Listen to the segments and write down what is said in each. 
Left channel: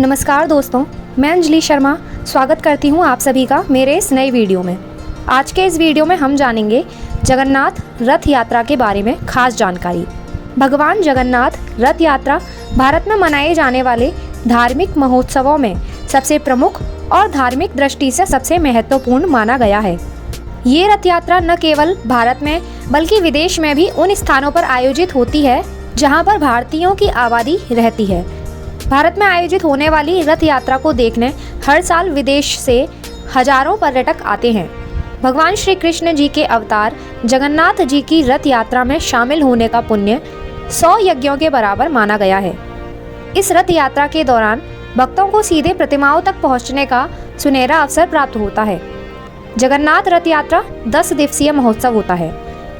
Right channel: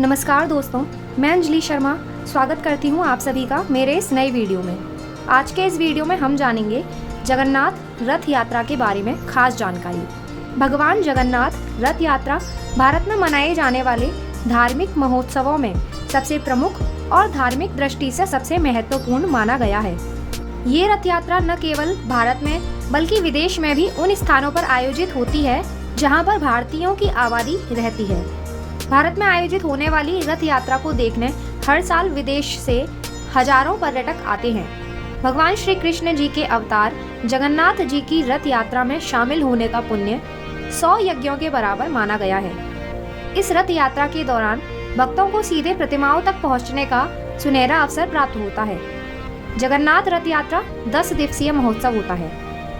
नमस्कार दोस्तों, मैं अंजलि शर्मा स्वागत करती हूँ आप सभी का मेरे इस नए वीडियो में। आज के इस वीडियो में हम जानेंगे जगन्नाथ रथ यात्रा के बारे में खास जानकारी। भगवान जगन्नाथ रथ यात्रा भारत में मनाए जाने वाले धार्मिक महोत्सवों में सबसे प्रमुख और धार्मिक दृष्टि से सबसे महत्वपूर्ण माना गया है। ये रथ यात्रा न केवल भारत में बल्कि विदेश में भी उन स्थानों पर आयोजित होती है जहाँ पर भारतीयों की आबादी रहती है। भारत में आयोजित होने वाली रथ यात्रा को देखने हर साल विदेश से हजारों पर्यटक आते हैं। भगवान श्री कृष्ण जी के अवतार जगन्नाथ जी की रथ यात्रा में शामिल होने का पुण्य 100 यज्ञों के बराबर माना गया है। इस रथ यात्रा के दौरान भक्तों को सीधे प्रतिमाओं तक पहुंचने का सुनहरा अवसर प्राप्त होता है। जगन्नाथ रथ यात्रा 10 दिवसीय महोत्सव होता है।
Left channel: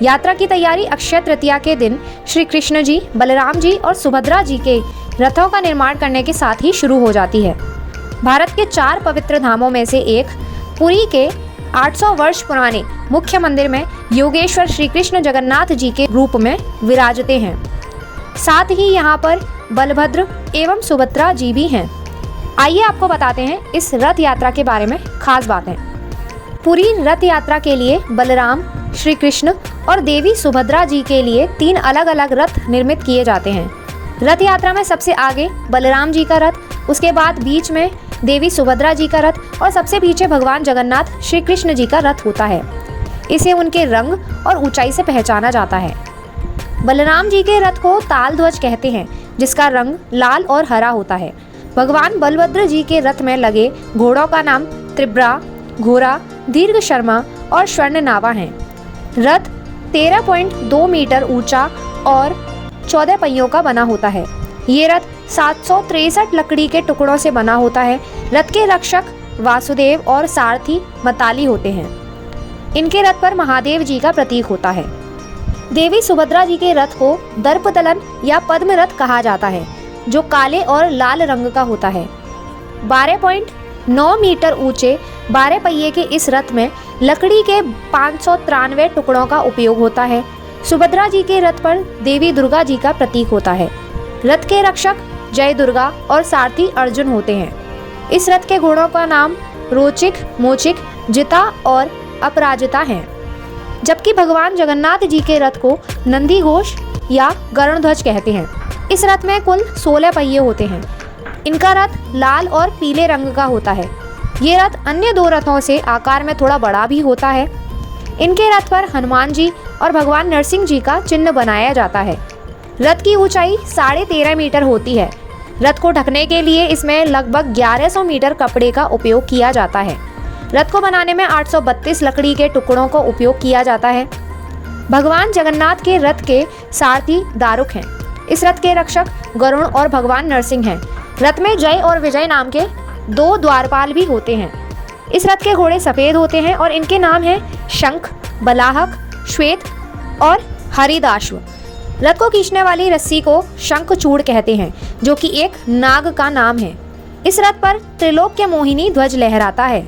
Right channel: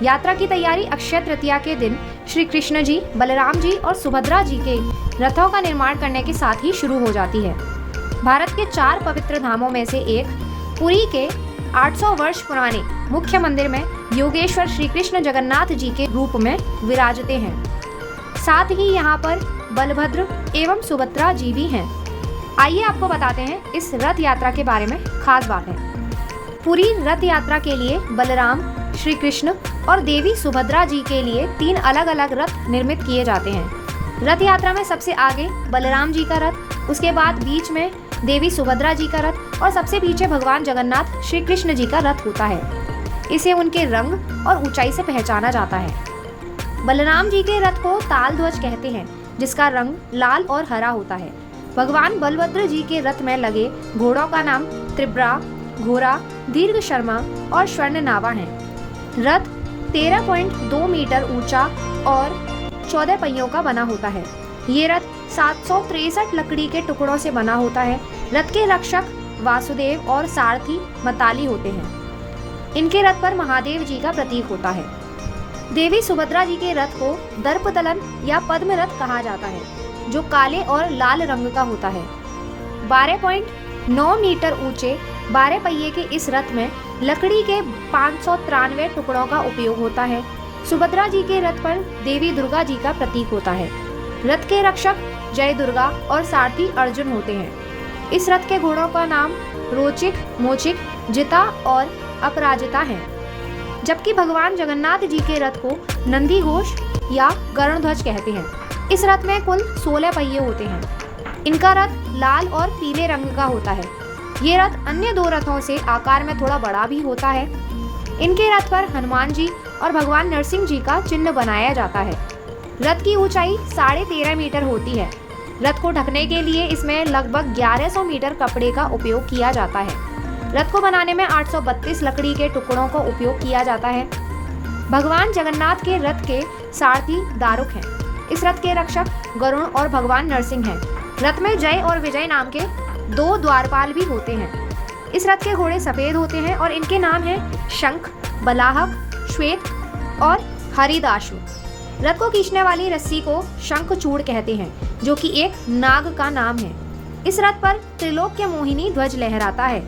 यात्रा की तैयारी अक्षय तृतीया के दिन श्री कृष्ण जी, बलराम जी और सुभद्रा जी के रथों का निर्माण करने के साथ ही शुरू हो जाती है। भारत के 4 पवित्र धामों में से एक पुरी के 800 वर्ष पुराने मुख्य मंदिर में योगेश्वर श्री कृष्ण जगन्नाथ जी के रूप में विराजते हैं। साथ ही यहाँ पर बलभद्र एवं सुभद्रा जी भी हैं। आइए आपको बताते हैं इस रथ यात्रा के बारे में खास बातें। पुरी रथ यात्रा के लिए बलराम, श्री कृष्ण और देवी सुभद्रा जी के लिए 3 अलग अलग रथ निर्मित किए जाते हैं। रथ यात्रा में सबसे आगे बलराम जी का रथ, उसके बाद बीच में देवी सुभद्रा जी का रथ और सबसे पीछे भगवान जगन्नाथ श्री कृष्ण जी का रथ होता है। इसे उनके रंग और ऊंचाई से पहचाना जाता है। बलराम जी के रथ को ताल ध्वज कहते हैं, जिसका रंग लाल और हरा होता है। भगवान बलभद्र जी के रथ में लगे घोड़ों का नाम त्रिब्रा, घोरा, दीर्घ शर्मा और स्वर्ण नावा है। रथ 13.2 मीटर ऊंचा और 14 पहियों का बना होता है। ये रथ 763 लकड़ी के टुकड़ों से बना होता है। रथ के रक्षक वासुदेव और सारथी मताली होते हैं। इनके रथ पर महादेव जी का प्रतीक होता है। देवी सुभद्रा जी के रथ को दर्पदलन या पद्म रथ कहा जाता है, जो काले और लाल रंग का होता है। 12.9 मीटर ऊंचे 12 पहिए के इस रथ में लकड़ी के 593 टुकड़ों का उपयोग होता है। सुभद्रा जी के रथ पर देवी दुर्गा जी का प्रतीक होता है। रथ के रक्षक जय दुर्गा और सारथी अर्जुन होते हैं। इस रथ के घोड़ों का नाम रोचिक, मोचिक, जिता और अपराजिता है। जबकि भगवान जगन्नाथ जी के रथ को नंदी घोष या गरुड़ध्वज कहते हैं। इस रथ में कुल 16 पहिए होते हैं। इनका रथ लाल और पीले रंग का होता है। ये रथ अन्य 2 रथों से आकार में थोड़ा बड़ा भी होता है। इनके रथ पर हनुमान जी और भगवान नरसिंह जी का चिन्ह बनाया जाता है। रथ की ऊंचाई 13.5 मीटर होती है। रथ को ढकने के लिए इसमें लगभग 1100 मीटर कपड़े का उपयोग किया जाता है। रथ को बनाने में 832 लकड़ी के टुकड़ों का उपयोग किया जाता है। भगवान जगन्नाथ के रथ के सारथी दारुक हैं। इस रथ के रक्षक गरुण और भगवान नरसिंह हैं। रथ में जय और विजय नाम के 2 द्वारपाल भी होते हैं। इस रथ के घोड़े सफेद होते हैं और इनके नाम हैं शंख, बलाहक, श्वेत और हरिदाश्व। रथ को खींचने वाली रस्सी को शंखचूड़ कहते हैं, जो कि एक नाग का नाम है। इस रथ पर त्रिलोक्य मोहिनी ध्वज लहराता है।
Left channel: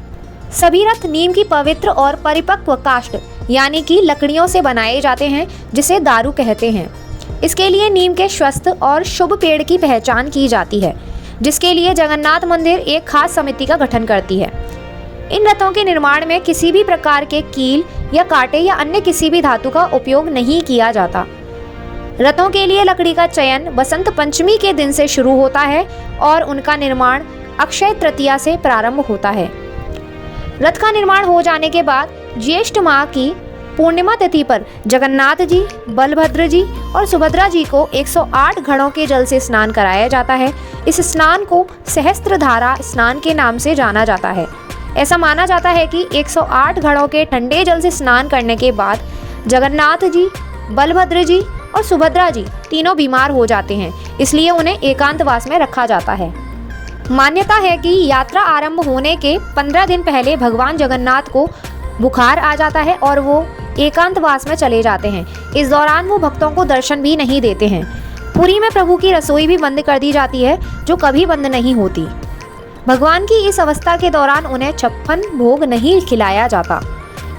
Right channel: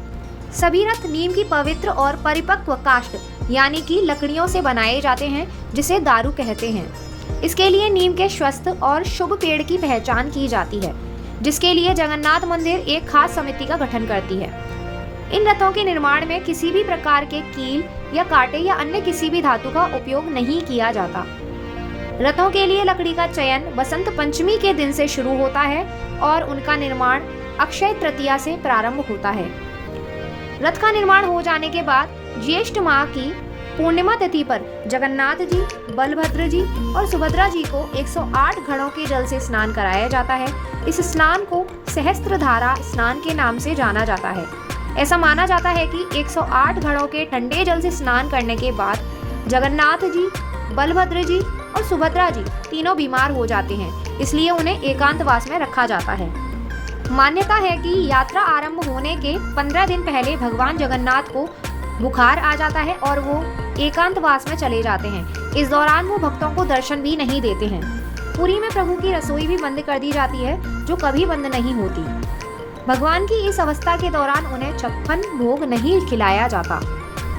सभी रथ नीम की पवित्र और परिपक्व काष्ठ यानी कि लकड़ियों से बनाए जाते हैं, जिसे दारू कहते हैं। इसके लिए नीम के स्वस्थ और शुभ पेड़ की पहचान की जाती है, जिसके लिए जगन्नाथ मंदिर एक खास समिति का गठन करती है। इन रथों के निर्माण में किसी भी प्रकार के कील या कांटे या अन्य किसी भी धातु का उपयोग नहीं किया जाता। रथों के लिए लकड़ी का चयन बसंत पंचमी के दिन से शुरू होता है और उनका निर्माण अक्षय तृतीया से प्रारंभ होता है। रथ का निर्माण हो जाने के बाद ज्येष्ठ माह की पूर्णिमा तिथि पर जगन्नाथ जी, बलभद्र जी और सुभद्रा जी को 108 घड़ों के जल से स्नान कराया जाता है। इस स्नान को सहस्त्रधारा स्नान के नाम से जाना जाता है। ऐसा माना जाता है कि 108 घड़ों के ठंडे जल से स्नान करने के बाद जगन्नाथ जी, बलभद्र जी और सुभद्रा जी तीनों बीमार हो जाते हैं, इसलिए उन्हें एकांतवास में रखा जाता है। मान्यता है कि यात्रा आरंभ होने के 15 दिन पहले भगवान जगन्नाथ को बुखार आ जाता है और वो एकांतवास में चले जाते हैं। इस दौरान वो भक्तों को दर्शन भी नहीं देते हैं। पुरी में प्रभु की रसोई भी बंद कर दी जाती है, जो कभी बंद नहीं होती। भगवान की इस अवस्था के दौरान उन्हें 56 भोग नहीं खिलाया जाता।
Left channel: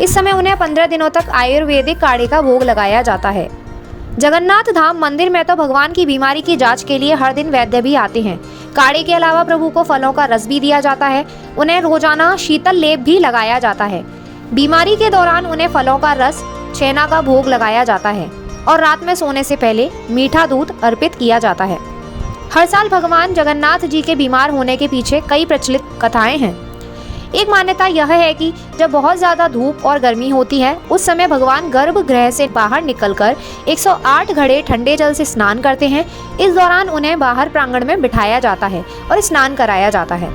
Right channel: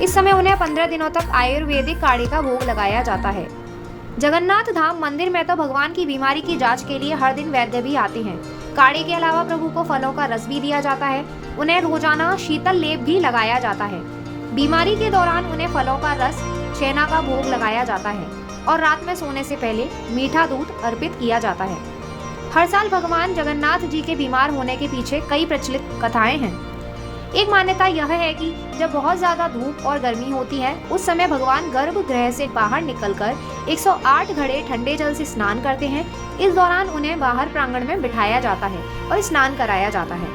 इस समय उन्हें 15 दिनों तक आयुर्वेदिक काढ़े का भोग लगाया जाता है। जगन्नाथ धाम मंदिर में तो भगवान की बीमारी की जांच के लिए हर दिन वैद्य भी आते हैं। काढ़े के अलावा प्रभु को फलों का रस भी दिया जाता है। उन्हें रोजाना शीतल लेप भी लगाया जाता है। बीमारी के दौरान उन्हें फलों का रस, छेना का भोग लगाया जाता है और रात में सोने से पहले मीठा दूध अर्पित किया जाता है। हर साल भगवान जगन्नाथ जी के बीमार होने के पीछे कई प्रचलित कथाएं हैं। एक मान्यता यह है कि जब बहुत ज्यादा धूप और गर्मी होती है, उस समय भगवान गर्भगृह से बाहर निकलकर 108 घड़े ठंडे जल से स्नान करते हैं। इस दौरान उन्हें बाहर प्रांगण में बिठाया जाता है और स्नान कराया जाता है।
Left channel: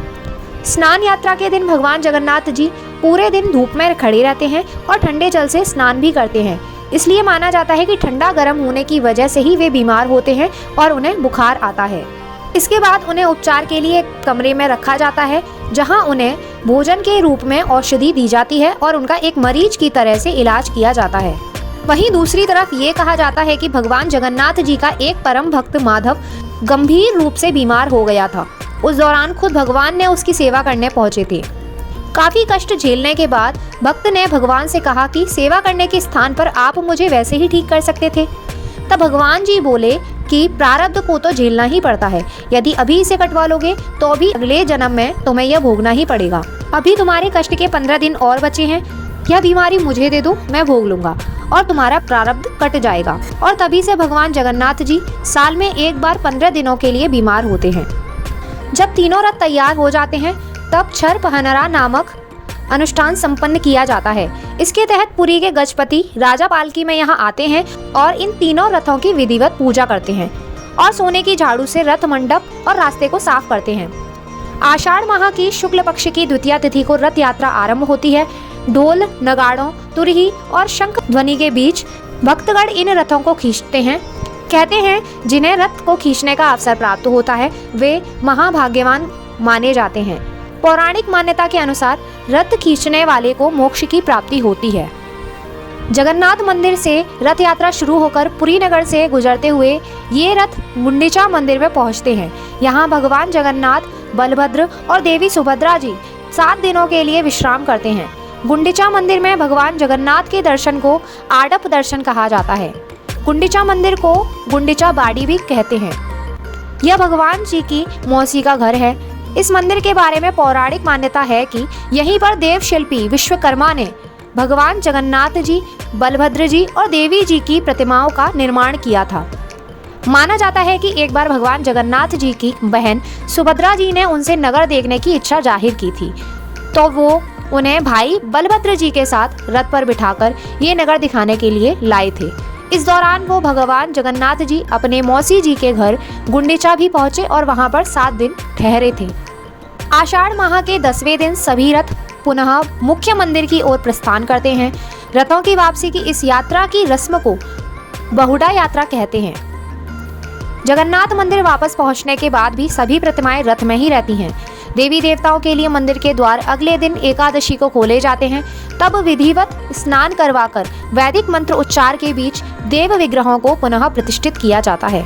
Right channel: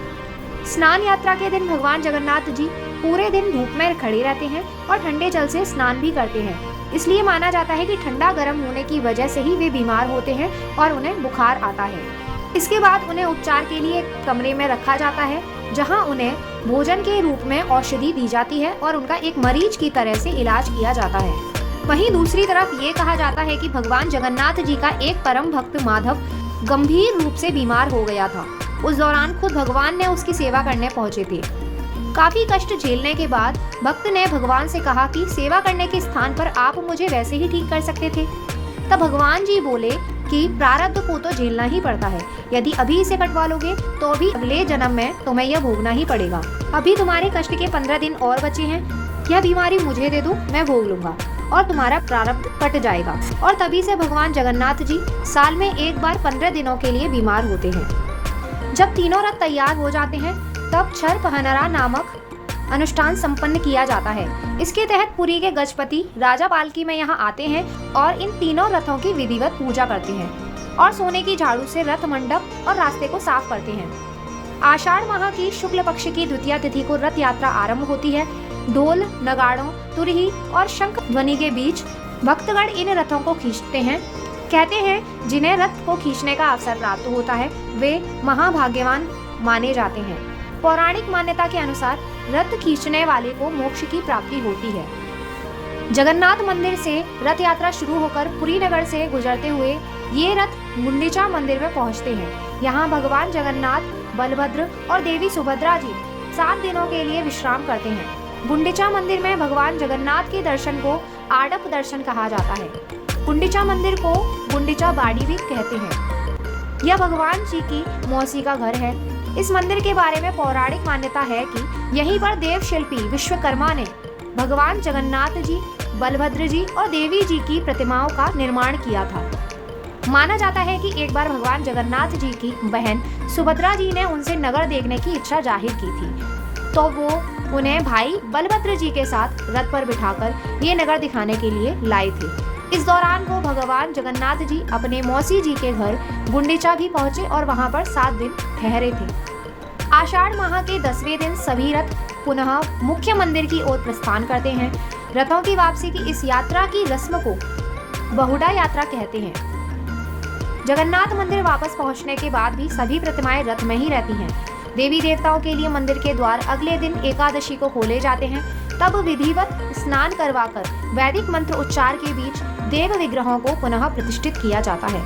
स्नान यात्रा के दिन भगवान जगन्नाथ जी पूरे दिन धूप में खड़े रहते हैं और ठंडे जल से स्नान भी करते हैं। इसलिए माना जाता है कि ठंडा गर्म होने की वजह से ही वे बीमार होते हैं और उन्हें बुखार आता है। इसके बाद उन्हें उपचार के लिए एक कमरे में रखा जाता है, जहां उन्हें भोजन के रूप में औषधि दी जाती है और उनका एक मरीज की तरह से इलाज किया जाता है। वहीं दूसरी तरफ ये कहा जाता है कि भगवान जगन्नाथ जी का एक परम भक्त माधव गंभीर रूप से बीमार हो गया था। उस दौरान खुद भगवान ने उसकी सेवा करने पहुंचे थे। काफी कष्ट झेलने के बाद भक्त ने भगवान से कहा कि सेवा करने के स्थान पर आप मुझे वैसे ही ठीक कर सकते थे। तब भगवान जी बोले कि प्रारब्ध को तो झेलना ही पड़ता है। यदि अभी इसे कटवा लोगे तो भी अगले जन्म में तुम्हें यह भोगना ही पड़ेगा। अभी तुम्हारे कष्ट के 15 दिन और बचे हैं। यह बीमारी मुझे दे दो, मैं भोग लूंगा और तुम्हारा प्रारब्ध कट जाएगा। और तभी से भगवान जगन्नाथ जी साल में एक बार 15 दिनों के लिए बीमार होते हैं। जब तीनों रथ तैयार हो जाते हैं, तब छर पहनरा नामक अनुष्ठान संपन्न किया जाता है। इसके तहत पुरी के गजपति राजा पालकी में यहाँ आते हैं और इन तीनों रथों की विधिवत पूजा करते हैं और सोने की झाड़ू से रथ मंडप और रास्ते को साफ करते हैं। आषाढ़ माह की शुक्ल पक्ष की द्वितीया तिथि को रथ यात्रा आरंभ होती है। ढोल, नगाड़ों, तुरही और शंख ध्वनि के बीच भक्तगण इन रथों को खींचते हैं। कहते हैं जिन्हें रथ को खींचने का अवसर प्राप्त होता है, वे महाभाग्यवान माने जाते हैं। पौराणिक मान्यता के अनुसार रथ खींचने वाले को मोक्ष की प्राप्ति होती है। जगन्नाथ मंदिर से रथ यात्रा शुरू होकर पुरी नगर से गुजरते हुए ये रथ गुंडीचा मंदिर में पहुंचते हैं। यहाँ भगवान जगन्नाथ, बलभद्र और देवी सुभद्रा जी 7 दिनों के लिए विश्राम करते हैं। गुंडीचा मंदिर में भगवान जगन्नाथ के दर्शन को आड़प दर्शन कहा जाता है। गुंडीचा मंदिर को गुंडीचा बाड़ी भी कहते हैं। यह भगवान जी की मौसी का घर है। इस मंदिर के बारे में पौराणिक मान्यता है कि यहीं पर देव शिल्पी विश्वकर्मा ने भगवान जगन्नाथ जी, बलभद्र जी और देवी जी की प्रतिमाओं का निर्माण किया था। माना जाता है कि एक बार भगवान जगन्नाथ जी की बहन सुभद्रा जी ने उनसे नगर देखने की इच्छा जाहिर की थी, तो वो उन्हें भाई बलभद्र जी के साथ रथ पर बिठाकर ये नगर दिखाने के लिए लाए थे। इस दौरान वो भगवान जगन्नाथ जी अपने मौसी जी के घर गुंडीचा भी पहुंचे और वहां पर 7 दिन ठहरे थे। आषाढ़ माह के 10वें दिन सभी रथ पुनः मुख्य मंदिर की ओर प्रस्थान करते हैं। रथों की वापसी की इस यात्रा की रस्म को बहुड़ा यात्रा कहते हैं। जगन्नाथ मंदिर वापस पहुंचने के बाद भी सभी प्रतिमाएं रथ में ही रहती हैं। देवी देवताओं के लिए मंदिर के द्वार अगले दिन एकादशी को खोले जाते हैं। तब विधिवत स्नान करवाकर वैदिक मंत्र उच्चार के बीच देव विग्रहों को पुनः प्रतिष्ठित किया जाता है।